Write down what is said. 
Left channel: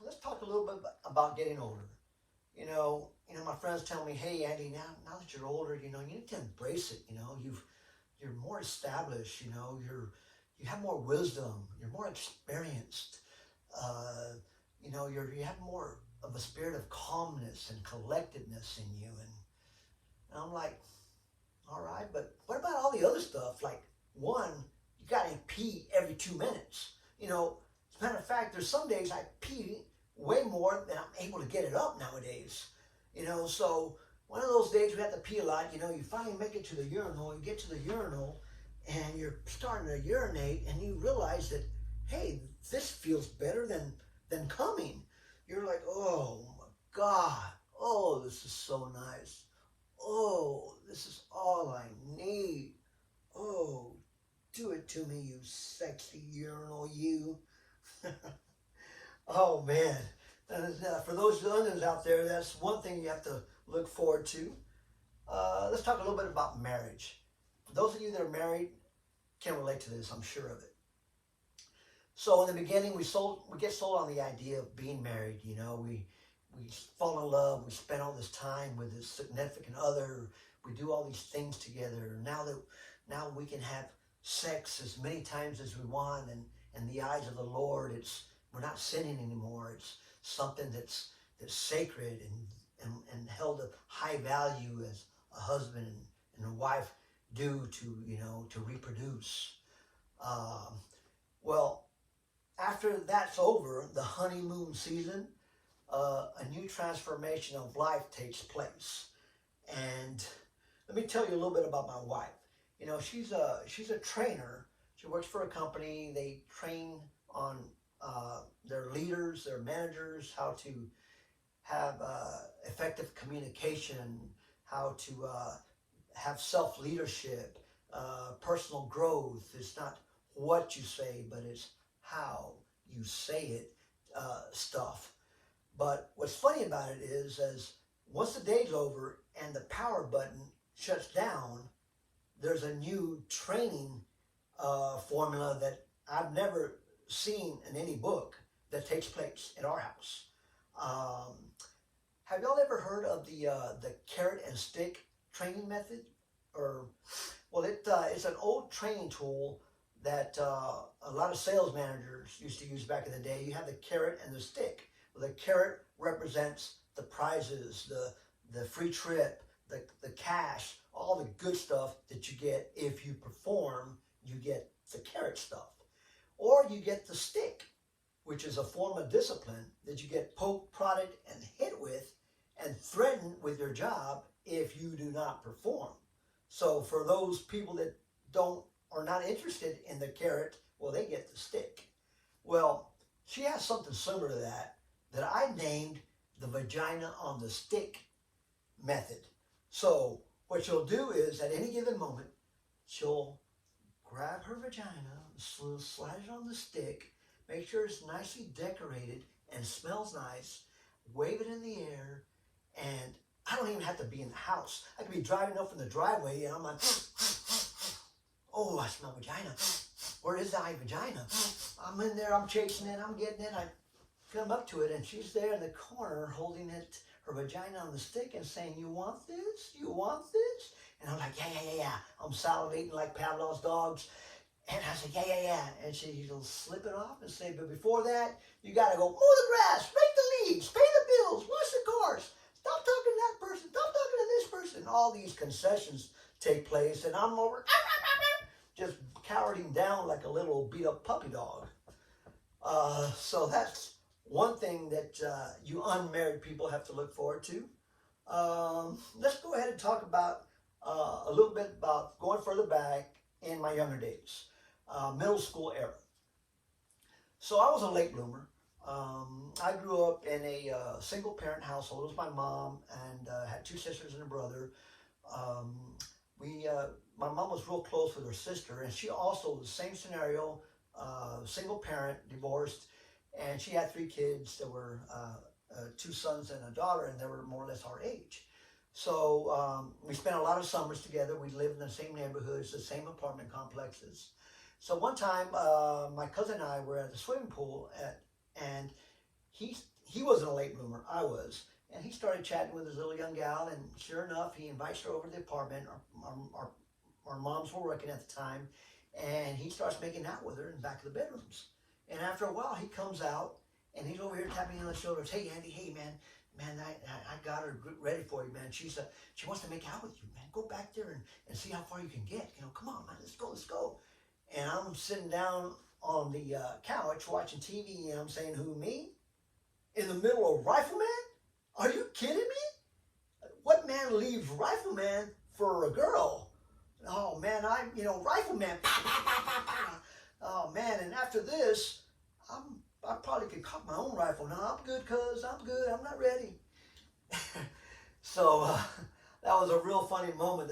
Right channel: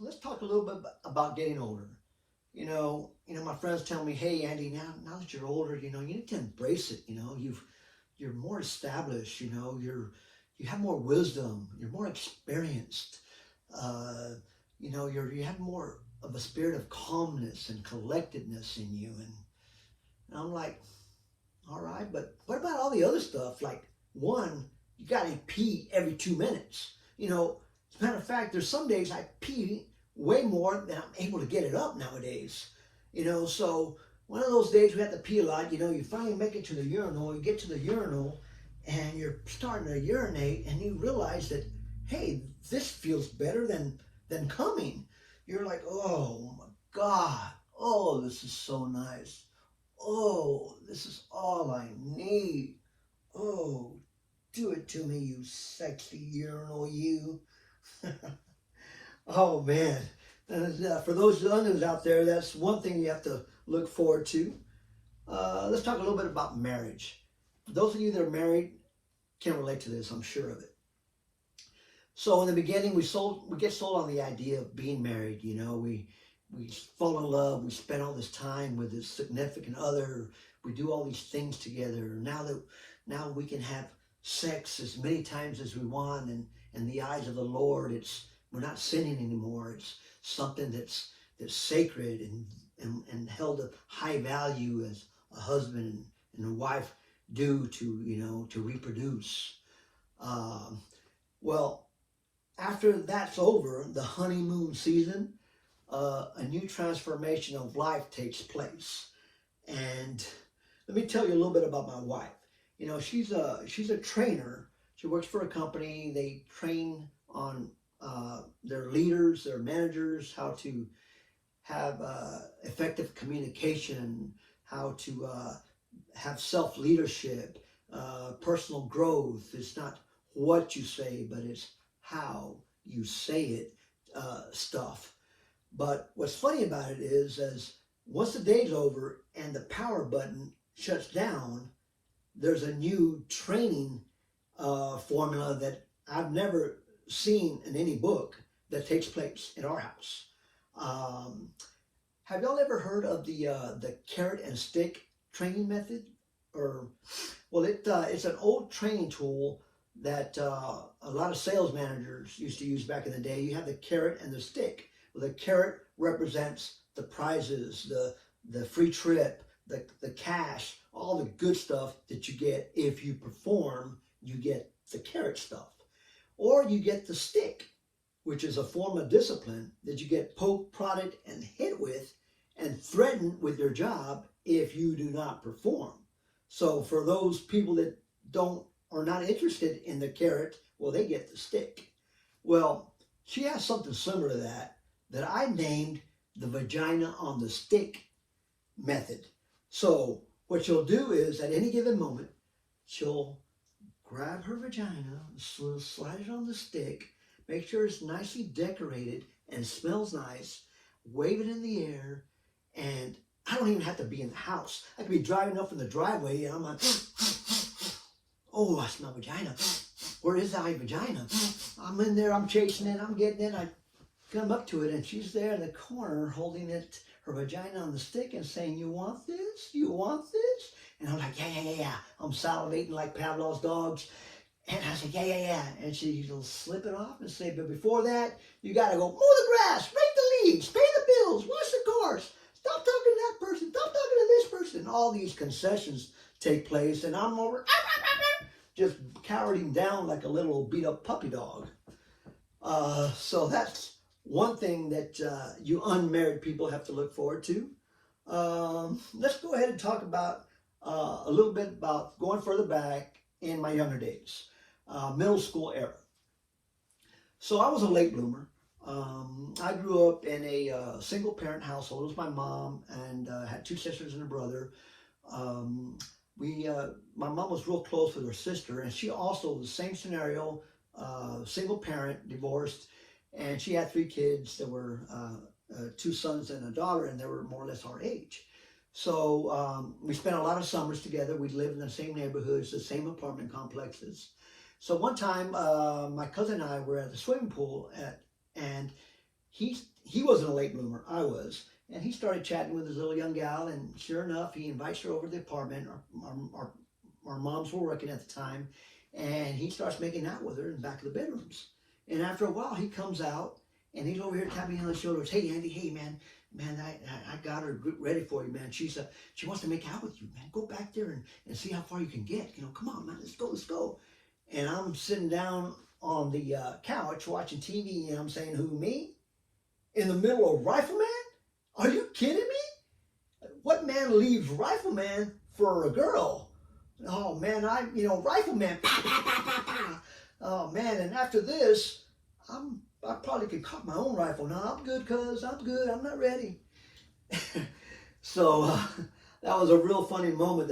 let's talk a little bit about getting older. My friends tell me, hey, Andy, now that you're older, you need to embrace it. You're more established. You have more wisdom. You're more experienced. You have more of a spirit of calmness and collectedness in you. And I'm like, all right, but what about all the other stuff? Like, one, you got to pee every 2 minutes. As a matter of fact, there's some days I pee way more than I'm able to get it up nowadays. So one of those days we have to pee a lot. You finally make it to the urinal. You get to the urinal, and you're starting to urinate, and you realize that, hey, this feels better than coming. You're like, oh my God, oh, this is so nice. Oh, this is all I need. Oh, do it to me, you sexy urinal, you. Oh man, for those youngins out there, that's one thing you have to look forward to. Let's talk a little bit about marriage. Those of you that are married can relate to this, I'm sure of it. So in the beginning, we get sold on the idea of being married. We fall in love. We spend all this time with this significant other. We do all these things together. Now we can have sex as many times as we want, and in the eyes of the Lord, we're not sinning anymore. It's something that's sacred and held of high value as a husband and a wife do to reproduce. Well, after that's over, the honeymoon season, a new transformation of life takes place. And let me tell you a little bit about my wife. She's a trainer. She works for a company. They train on their leaders, their managers, how to have effective communication, how to have self-leadership, personal growth. It's not what you say, but it's how you say it, stuff. But what's funny about it is, as once the day's over and the power button shuts down, there's a new training formula that I've never seen in any book that takes place in our house. Have y'all ever heard of the carrot and stick training method? It's an old training tool that a lot of sales managers used to use back in the day. You have the carrot and the stick. Well, the carrot represents the prizes, the free trip, the cash, all the good stuff that you get. If you perform, you get the carrot stuff. Or you get the stick, which is a form of discipline that you get poked, prodded, and hit with, and threatened with your job if you do not perform. So for those people that are not interested in the carrot, well, they get the stick. Well, she has something similar to that I named the vagina on the stick method. So what she'll do is, at any given moment, she'll grab her vagina, slide it on the stick, make sure it's nicely decorated and smells nice, wave it in the air, and I don't even have to be in the house. I could be driving up in the driveway, and I'm like, oh, I smell vagina. Where is that vagina? I'm in there, I'm chasing it, I'm getting it. I come up to it, and she's there in the corner holding it, her vagina on the stick, and saying, you want this? You want this? And I'm like, yeah. I'm salivating like Pavlov's dogs. And I said, yeah. And she'll slip it off and say, but before that, you got to go mow the grass, rake the leaves, pay the bills, wash the cars, stop talking to that person, stop talking to this person. All these concessions take place, and I'm over just cowering down like a little beat up puppy dog. So that's one thing that you unmarried people have to look forward to. Let's go ahead and talk about a little bit about going further back in my younger days, middle school era. So I was a late bloomer. I grew up in a single parent household. It was my mom, and had two sisters and a brother. My mom was real close with her sister, and she also, the same scenario, single parent, divorced, and she had 3 kids. There were 2 sons and a daughter, and they were more or less our age. So we spent a lot of summers together. We lived in the same neighborhoods, the same apartment complexes. So one time, my cousin and I were at the swimming pool, and he wasn't a late bloomer, I was. And he started chatting with his little young gal, and sure enough, he invites her over to the apartment. Our moms were working at the time, and he starts making out with her in the back of the bedrooms. And after a while, he comes out, and he's over here tapping me on the shoulders. Hey, Andy, hey, man, I got her ready for you, man. She wants to make out with you, man. Go back there and see how far you can get. You know, come on, man, let's go. And I'm sitting down on the couch watching TV, and I'm saying, who, me? In the middle of Rifleman? Are you kidding me? What man leaves Rifleman for a girl? Oh, man, Rifleman. Pa, pa, pa, pa, pa. Oh, man, and after this, I probably could cock my own rifle. No, I'm good, cuz. I'm good. I'm not ready. So that was a real funny moment.